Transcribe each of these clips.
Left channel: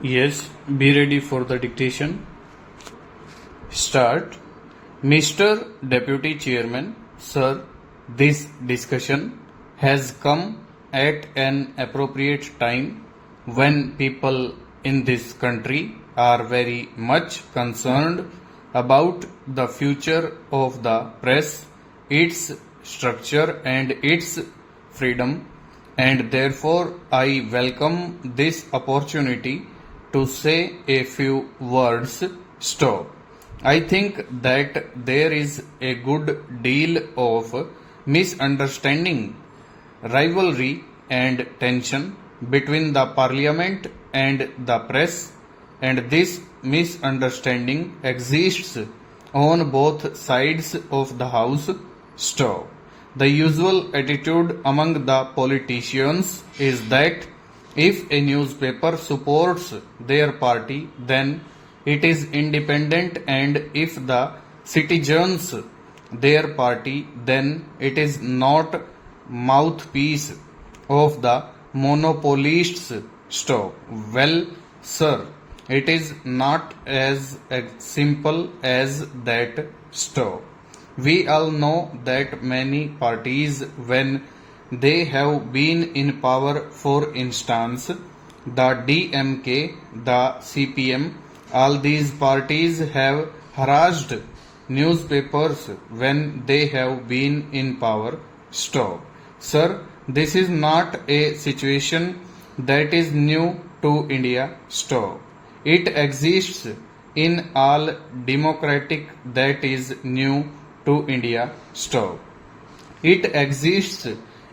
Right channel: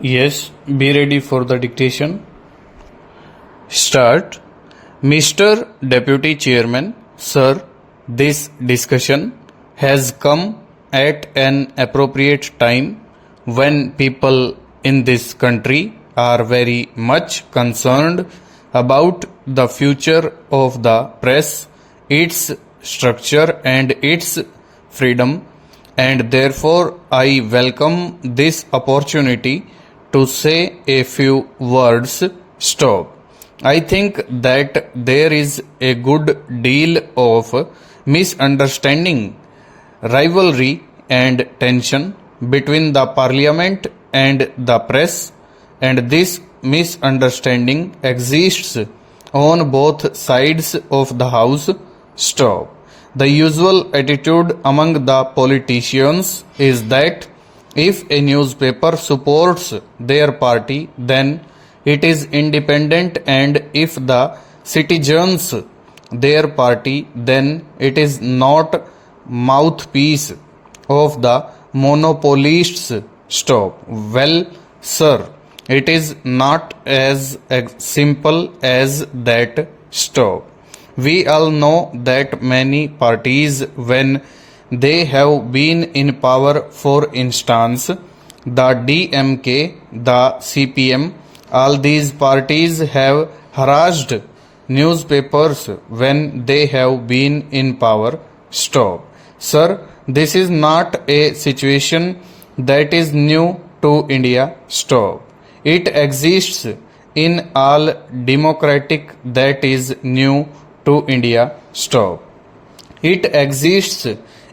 Yes, be ready for the dictation. Start. Mr. Deputy Chairman, Sir, this discussion has come at an appropriate time when people in this country are very much concerned about the future of the press, its structure, and its freedom, and therefore I welcome this opportunity to say a few words. Stop. I think that there is a good deal of misunderstanding, rivalry, and tension between the parliament and the press, and this misunderstanding exists on both sides of the house. Stop. The usual attitude among the politicians is that if a newspaper supports their party, then it is independent, and if the citizens their party, then it is not mouthpiece of the monopolists. Stop. Well, sir, it is not as simple as that. Stop. We all know that many parties, when they have been in power, for instance, the DMK, the CPM, all these parties have harassed newspapers when they have been in power. Stop. Sir, this is not a situation that is new to India. Stop. It exists in all democratic that is new to India. Stop. It exists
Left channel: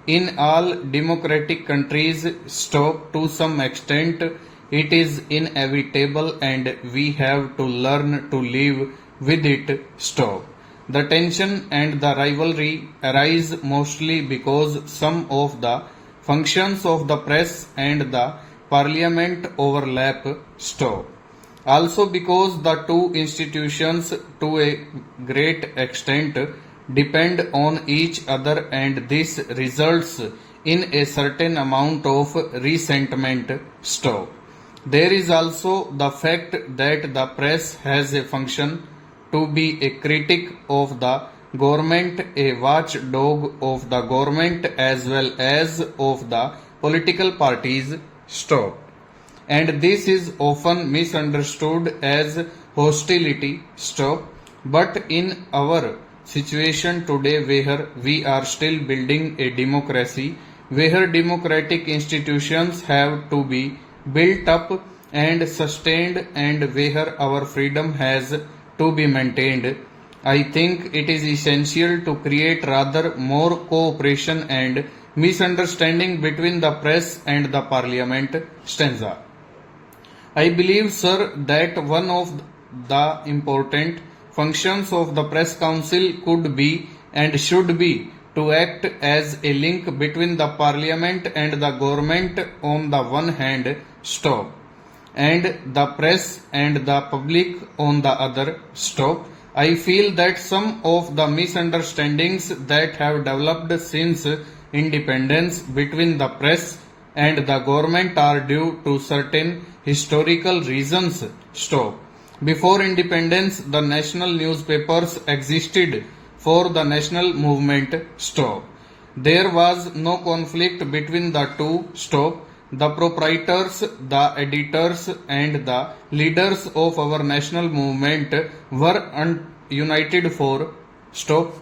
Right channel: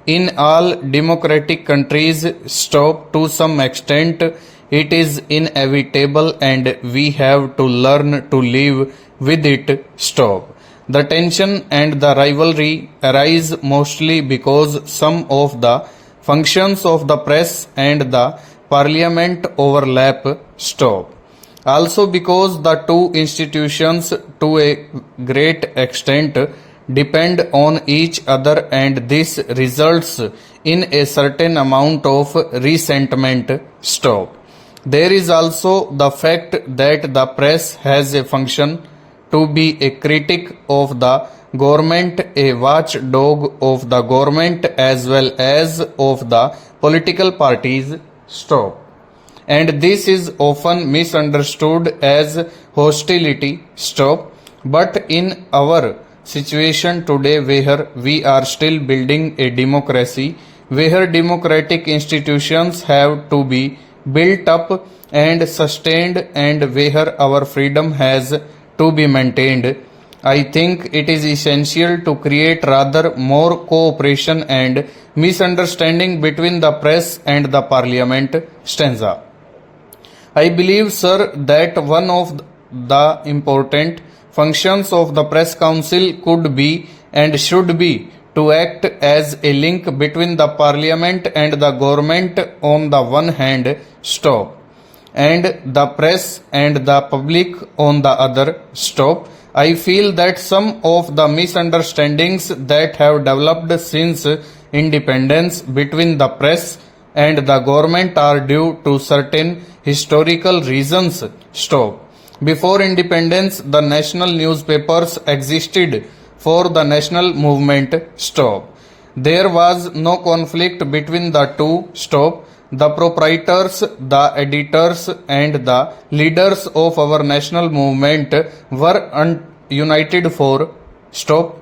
in all democratic countries. Stop. To some extent, it is inevitable and we have to learn to live with it. Stop. The tension and the rivalry arise mostly because some of the functions of the press and the parliament overlap. Stop. Also because the two institutions to a great extent depend on each other, and this results in a certain amount of resentment. Stop. There is also the fact that the press has a function to be a critic of the government, a watchdog of the government as well as of the political parties. Stop. And this is often misunderstood as hostility. Stop. But in our situation today, where we are still building a democracy, where democratic institutions have to be built up and sustained, and where our freedom has to be maintained, I think it is essential to create rather more cooperation and misunderstanding between the press and the parliament. Stanza. I believe, sir, that one of the important functions of the press council could be and should be to act as a link between the parliament and the government on the one hand. Stop. And the press and the public on the other. Stop. I feel that some of the misunderstandings that have developed since independence between the press and the government are due to certain historical reasons. Stop. Before independence, the national newspapers existed for the national movement. Stop. There was no conflict between the two. Stop. The proprietors, the editors, and the leaders of our national movement were united for. Stop.